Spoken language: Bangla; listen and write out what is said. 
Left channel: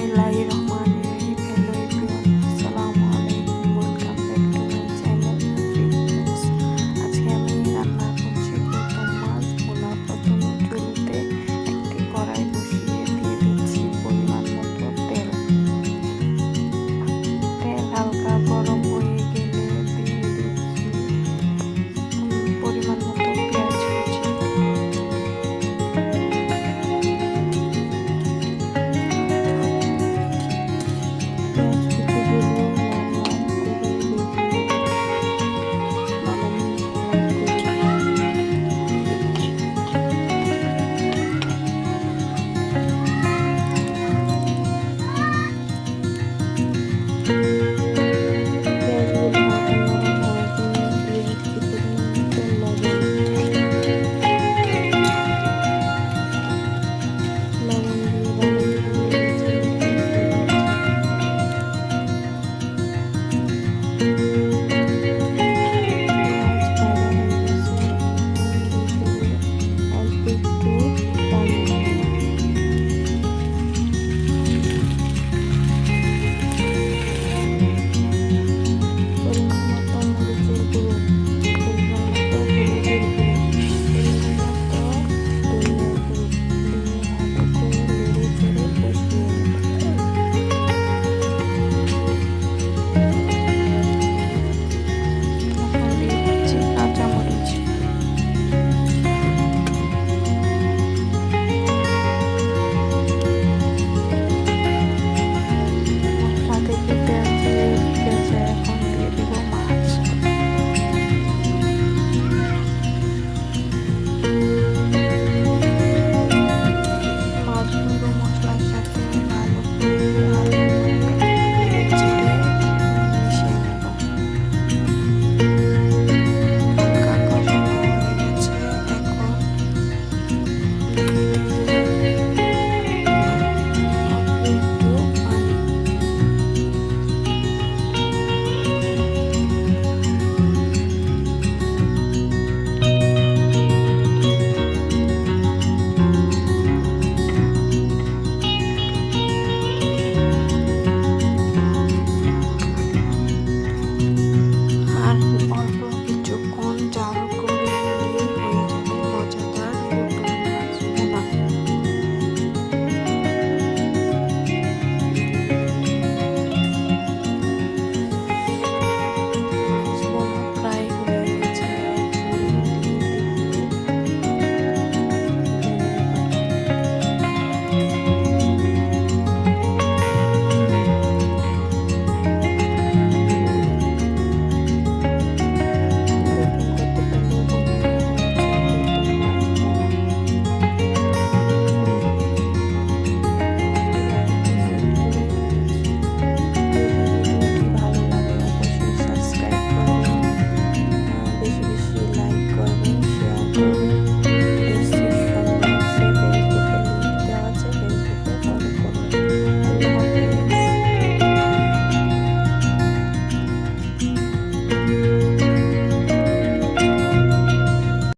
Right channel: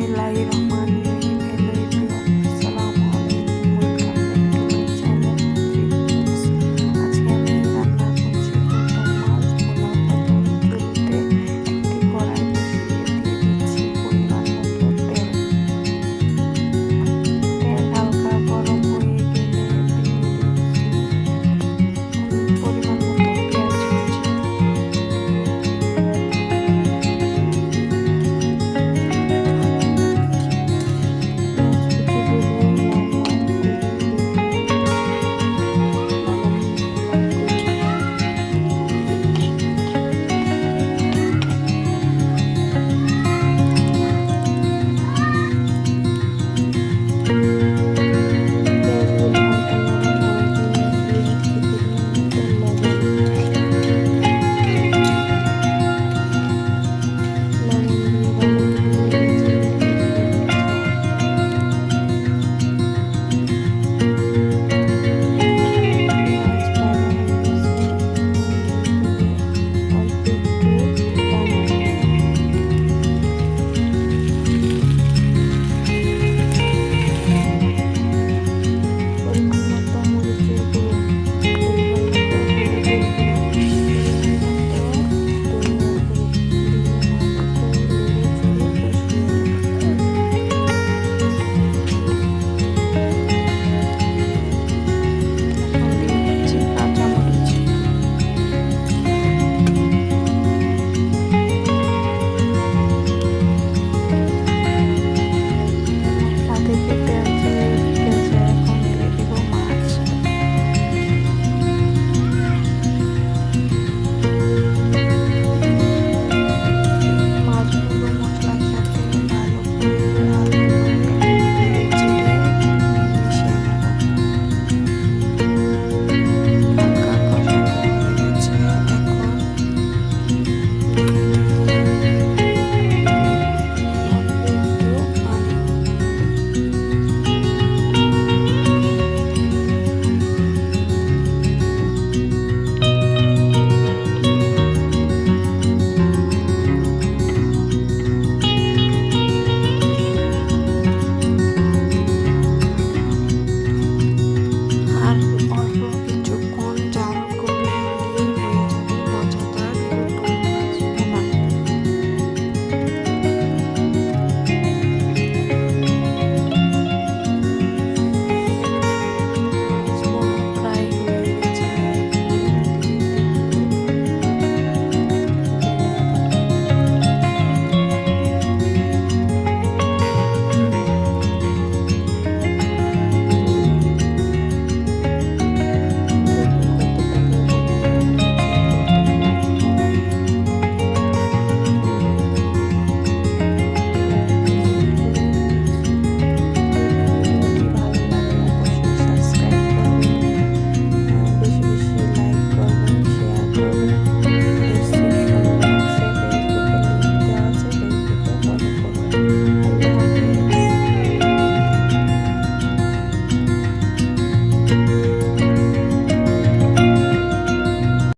বিসমিল্লাহির রহমানির রহিম। হ্যালো এভরিওয়ান, আসসালামু আলাইকুম, welcome back to my channel feeds. আজকে আমি রান্না করছি গৌতম মাছ ভোনা। প্রথমে চুলাতে একটি কড়াই বসিয়ে দিয়ে দিচ্ছি পরিমাণ মতো তেল। তেল হালকা গরম হয়ে গেলে দিয়ে দিচ্ছি পরিমাণ মতো পেঁয়াজ কুচি।